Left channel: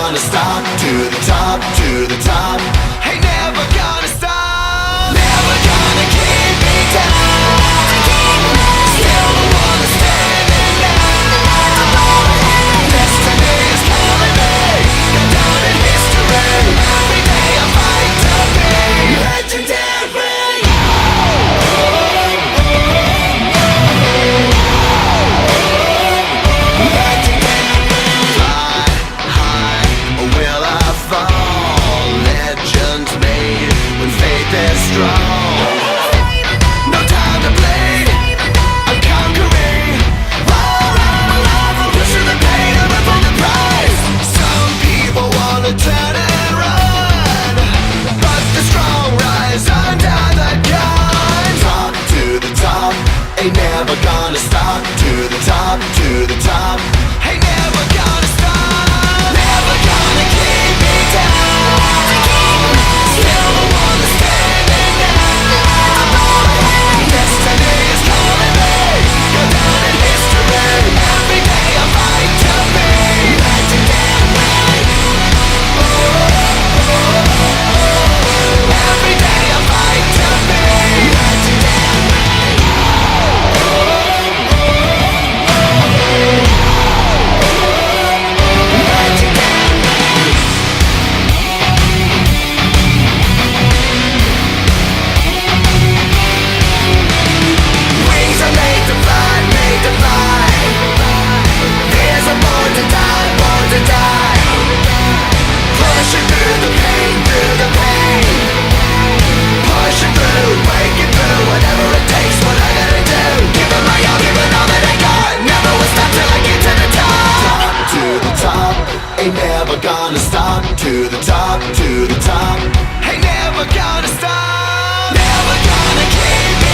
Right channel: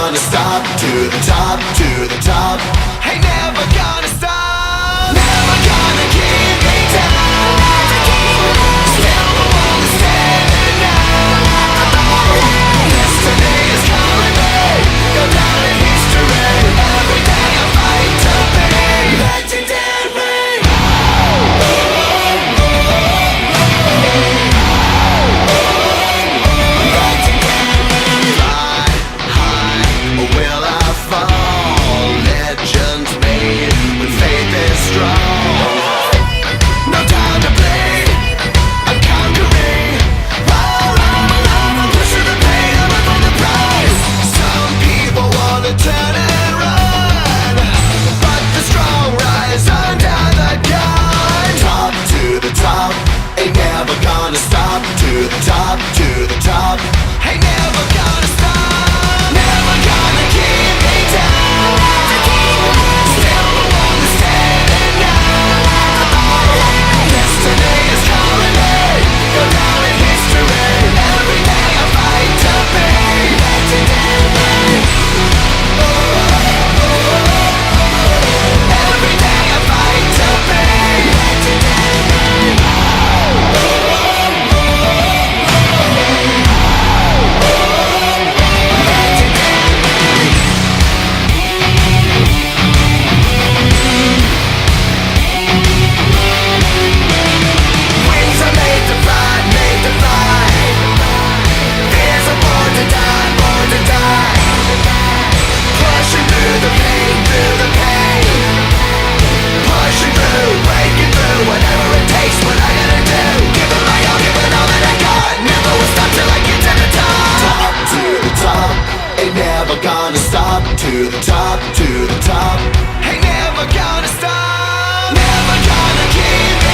gonna stop. To the top, to the top. Ain't never gonna stop. Never gonna keep me down. Still the one that's standing now. Destiny is calling me. Go down in history. Every day I fight to be legendary. Fly high, or will I fall? Legends made when faith is strong. No time to bleed, I'm conquering. While I'm alive, I'm pushing the pain, I'm up on the prize. Some people wanna turn and run, but the strong rise under the gun. Top to the top, ain't never gonna stop. To the top, to the top, ain't never gonna stop. Never gonna keep me down. Still the one that's standing now. Destiny is calling me. Go down in history. Every day I fight to be legendary. Every day I fight to be wings are made to fly, made to fly. Fears are born to die, born to die. Pushing through the pain, through the pain. Pushing through, breaking through, whatever it takes, what I gotta do. Giving my all, giving all that I got. Never will stop till I get to the top. Top to the top, ain't never gonna stop. To the top, to the top, ain't never gonna stop. Never gonna keep me